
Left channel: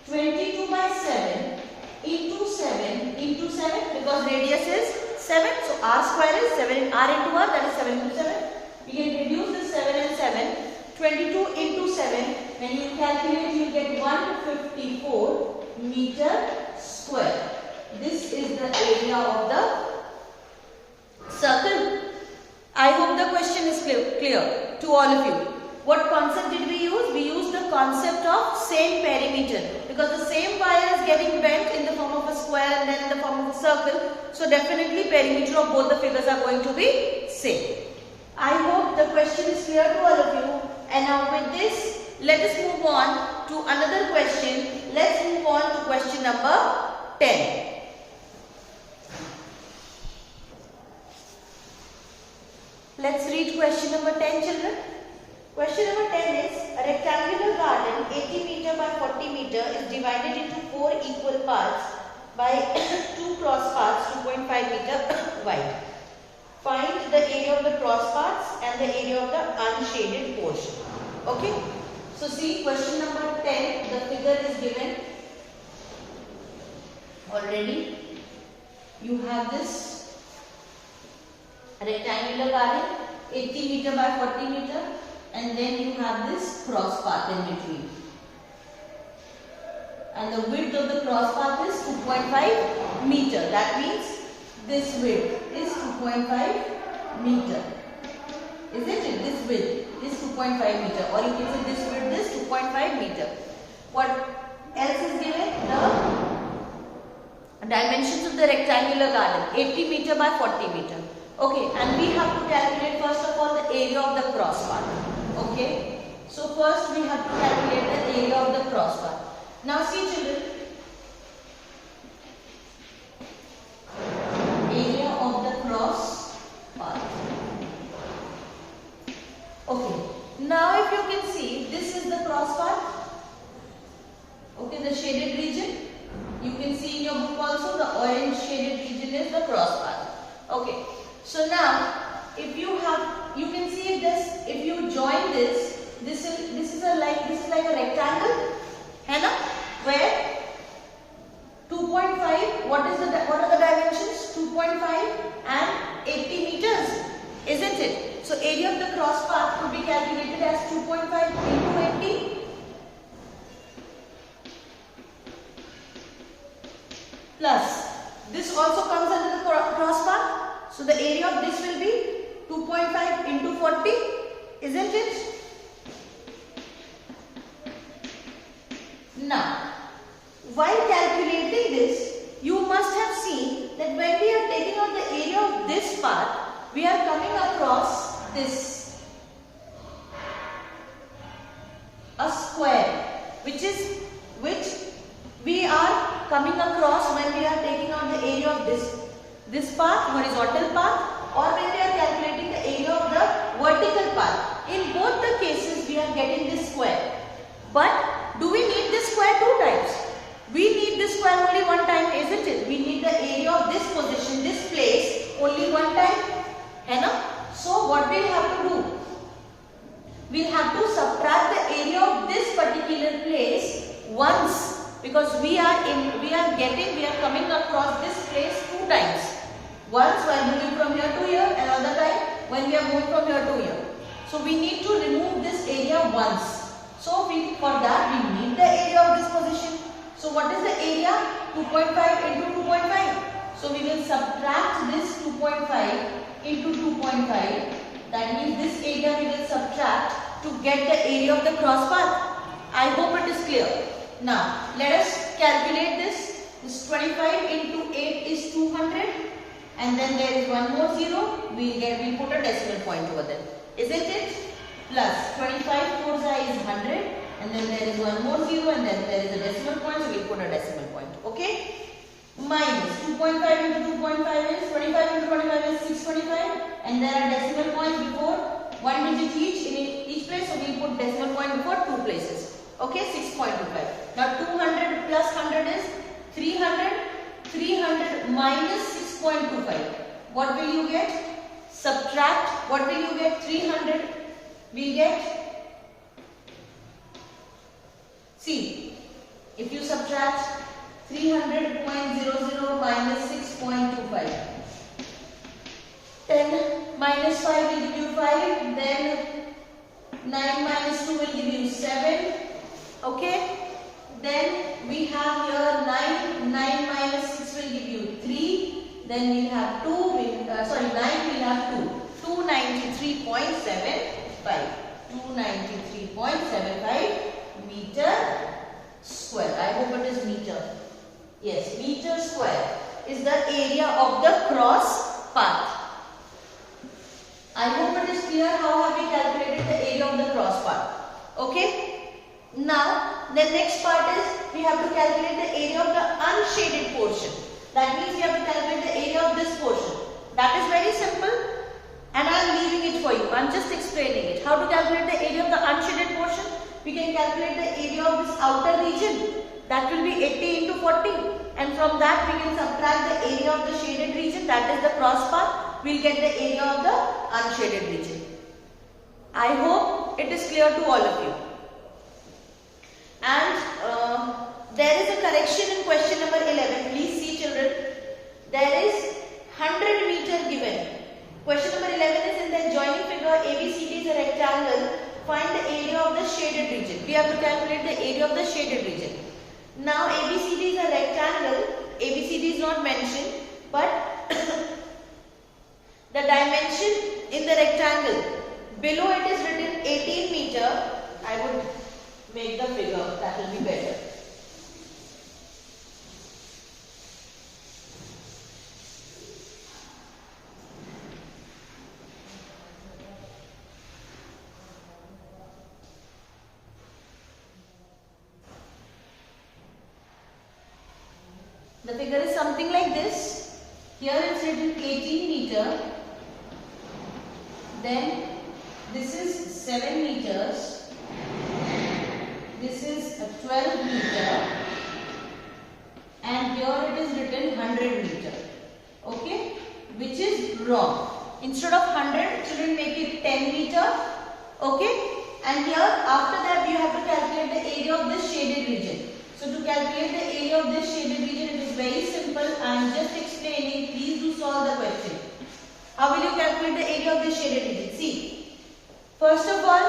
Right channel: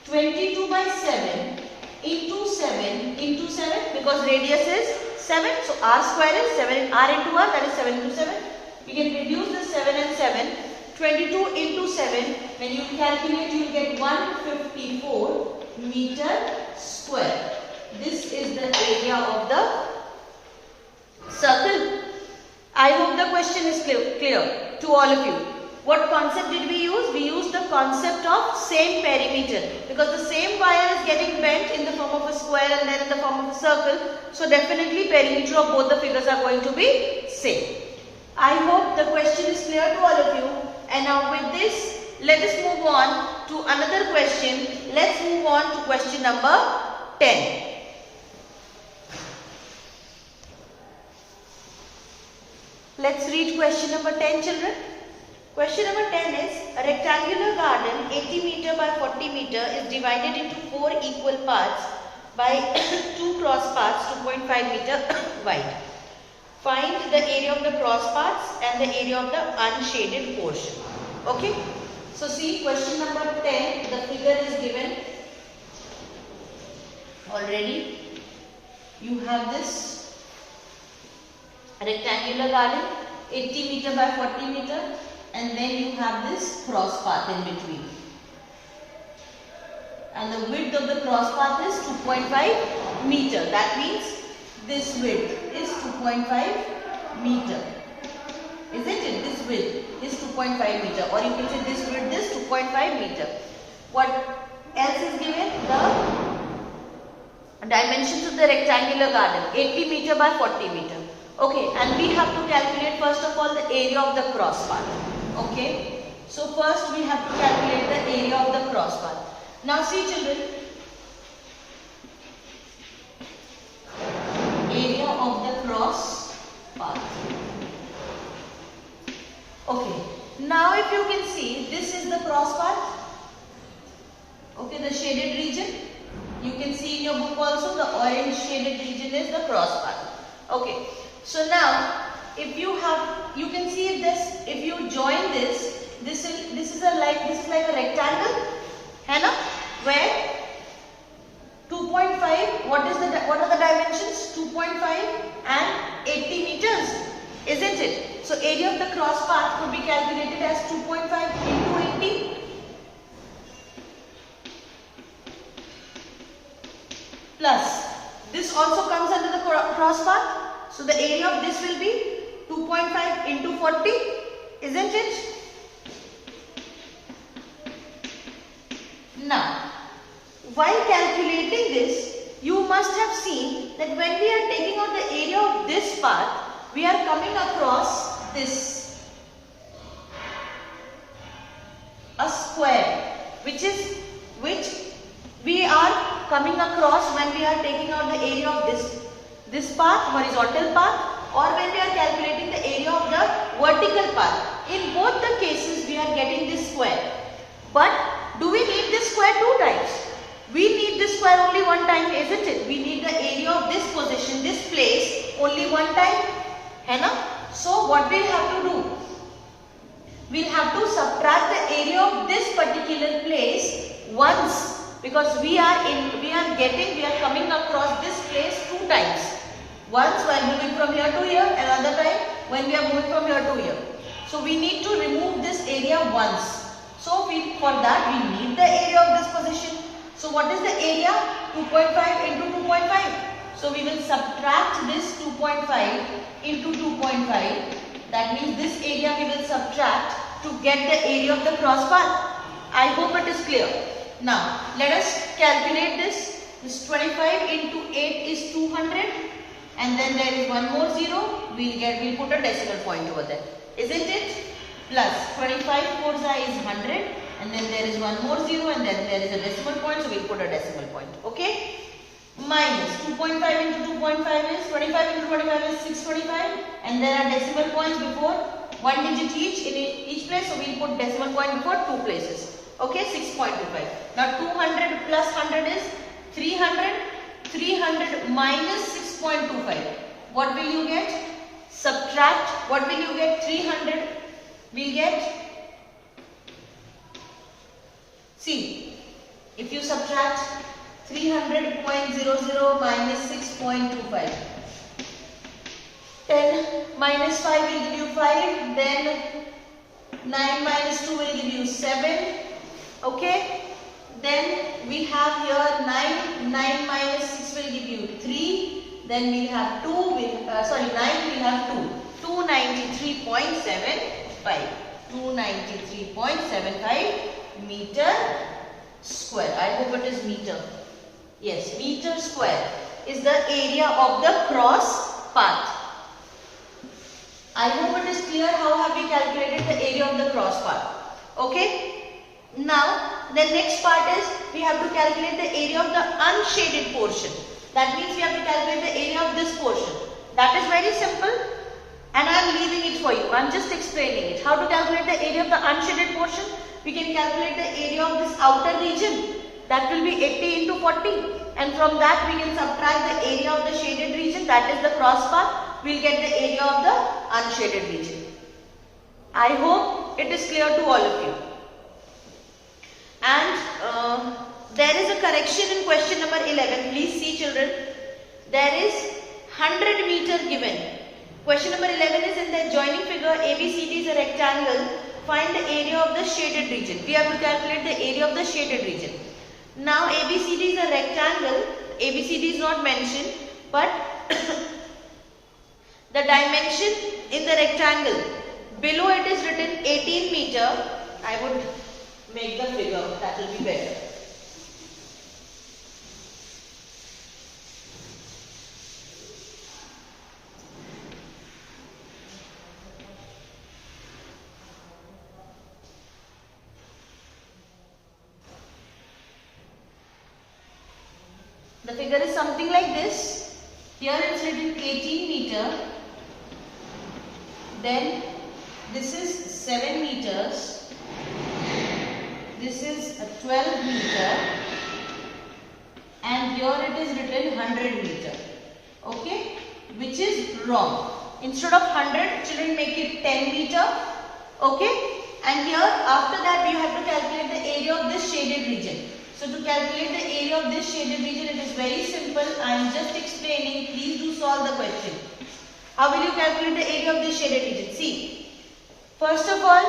22 by 7 into 7 into 7, because radius is 7. So r square is 7, r into r, that is 7 into 7. We can reduce the 7 and 7. 22 into 7, when you calculate, you will get 154 meter square. This is the area of the circle. I hope the question is clear to all of you. What concept did we use? We used the concept of same perimeter, because the same wire is getting bent in the form of a square and then in the form of a circle. So definitely perimeter of both the figures are going to be same. I hope the question is clear to all of you. And now with this, let us move on to another question. Let's move on to question number 10. Let's read question number 10, children. Question number 10 is, a rectangular garden 80 meter by 40 meter is divided into 4 equal parts by 2 cross parts 2.5 meter wide. Find the area of the cross parts and the area of the unshaded portion. Okay. So see, question number 10, the figure is given already. You have this rectangular garden 80 meter by 40 meter, and then you have this cross path in between. And the width of the cross path is 2.5 meter. That means this width is 2.5 meter. Isn't it? This width is 2.5 meter, or you can say this width is 2.5 meter. What else is given? The dimensions of the rectangular garden 80 meter by 40 meter. Okay, and we have to calculate first of all the area of the cross path. Okay, so first we have to calculate the area of the cross path. Now see, children, area of the cross path. Okay, now if you can see, this is the cross path. Okay, the shaded region. You can see in your book also the orange shaded region is the cross path. Okay, so now if you have, you can see this. If you join this is like a rectangle, है ना? Where 2.5. What are the dimensions? 2.5 and 80 meters, isn't it? So area of the cross path could be calculated as 2.5 into 80. Plus, this also comes under the cross path. So the area of this will be 2.5 into 40, isn't it? Now, while calculating this, you must have seen that when we are taking out the area of this path, we are coming across this, a square, which we are coming across when we are taking out the area of this path, horizontal path, or when we are calculating the area of the vertical path. In both the cases we are getting this square. But do we need this square two times? We need this square only one time, isn't it? We need the area of this position, this place only one time. है ना? So what we have to do? We have to subtract the area of this particular place once, because we are coming across this place two times. Once while moving from here to here, another time when we are moving from here to here. So we need to remove this area once. So for that we need the area of this position. So what is the area? 2.5 into 2.5. So we will subtract this 2.5 into 2.5. That means this area we will subtract to get the area of the cross path. I hope it is clear. Now let us calculate this. This 25 into 8 is 200, and then there is one more zero. We'll put a decimal point over there, isn't it? Plus 25 4 is 100, and then there is one more zero, and then there is a decimal point, so we'll put a decimal point. Okay? Minus 2.5 into 2.5 is 25 into 25 is 625, and there are decimal points before one digit each in each place, so we'll put decimal point before two places. Okay, 6.25. Now 200 plus 100 is 300. 300 minus 6.25. What will you get? Subtract. What will you get? 300. We'll get. See, if you subtract 300.00 minus 6.25. 10 minus 5 will give you 5. Then 9 minus 2 will give you 7. Okay. Then we have here 9. 9 minus 6 will give you 3. Then we have 2. 9 will have 2. 293.75. 293.75 meter square. I hope it is meter. Yes, meter square is the area of the cross path. I hope it is clear how have we calculated the area of the cross path. Okay. Now the next part is we have to calculate the area of the unshaded portion. That means we have to calculate the area of this portion. That is very simple, and I am leaving it for you. I am just explaining it. How to calculate the area of the unshaded portion? We can calculate the area of this outer region. That will be 80 into 40, and from that we can subtract the area of the shaded region, that is the cross path. We will get the area of the unshaded region. I hope it is clear to all of you. And there is a correction in question number 11. Please see, children. There is 100 meter given. Question number 11 is in the adjoining figure. ABCD is a rectangle. Find the area of the shaded region. We have to calculate the area of the shaded region. Now ABCD is a rectangle. ABCD is not mentioned, but the dimension in the rectangle, below it is written 18 meter. I would make the figure, that will be better. The figure is something like this. Here it is written 18 meter. Then this is 7 meters. This is a 12 meter, and here it is written 100 meter. Okay, which is wrong. Instead of 100, children, make it 10 meter. Okay, and here after that we have to calculate the area of this shaded region. So to calculate the area of this shaded region, it is very simple. I am just explaining. Please do solve the question. How will you calculate the area of this shaded region? See, first of all,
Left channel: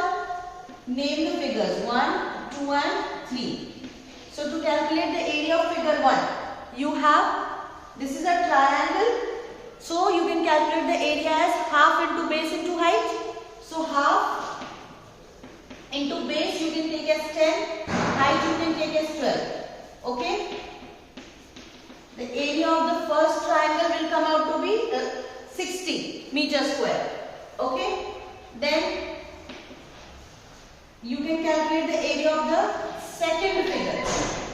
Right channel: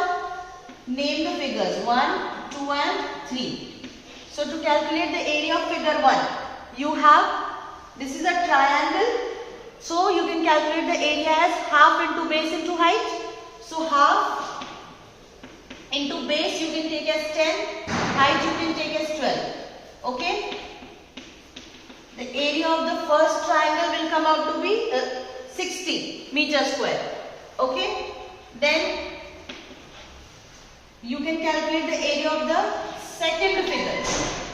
name the figures 1, 2 and 3. So to calculate the area of figure 1, you have, this is a triangle. So you can calculate the area as half into base into height. So half into base you can take as 10, height you can take as 12. Okay. The area of the first triangle will come out to be 60 meter square. Okay. Then you can calculate the area of the second figure.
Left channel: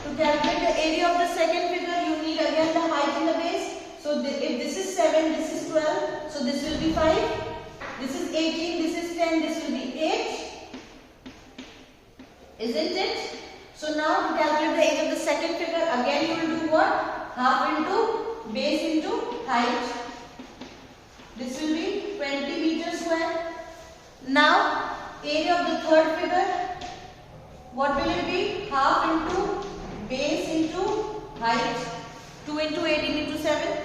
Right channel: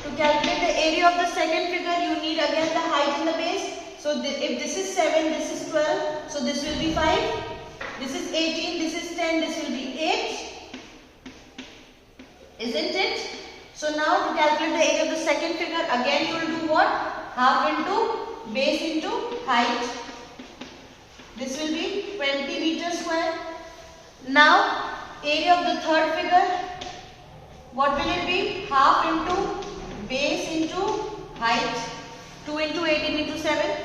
To calculate the area of the second figure, you need again the height and the base. So if this is 7, this is 12, so this will be 5. This is 18, this is 10, this will be 8. Isn't it? So now to calculate the area of the second figure, again you will do what? Half into base into height. This will be 20 meters square. Now area of the third figure, what will it be? Half into base into height. 2 into 18 into 7.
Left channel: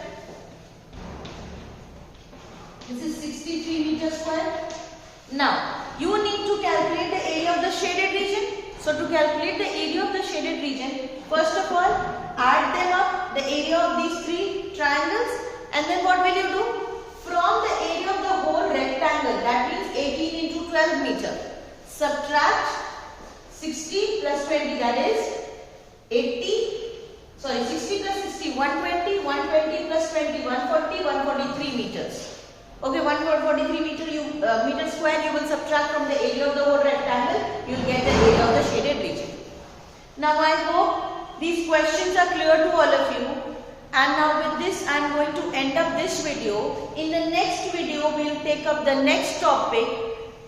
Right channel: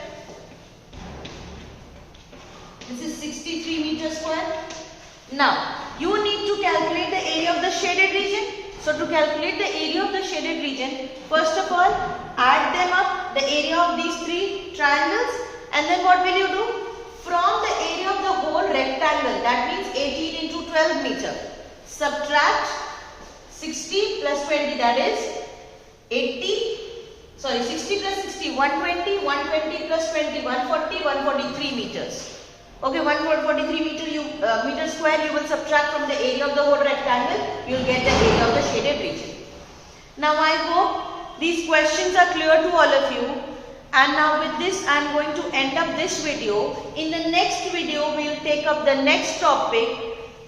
This is 63 meters square. Now you need to calculate the area of the shaded region. So to calculate the area of the shaded region, first of all, add them up, the area of these three triangles, and then what will you do? From the area of the whole rectangle, that means 18 into 12 meter, subtract 60 plus 20, that is 60 plus 60, 120, 120 plus 20, 140, 143 meters. Okay, 143 meter square you will subtract from the area of the whole rectangle, you will get the area of the shaded region. Now I hope these questions are clear to all of you, and now with this I am going to end up this video. In the next video we will take up the next topic.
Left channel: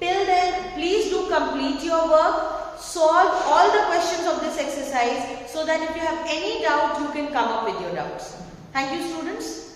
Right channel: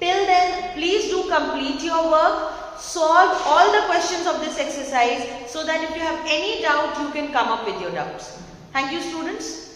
Till then, please do complete your work, solve all the questions of this exercise so that if you have any doubt you can come up with your doubts. Thank you, students.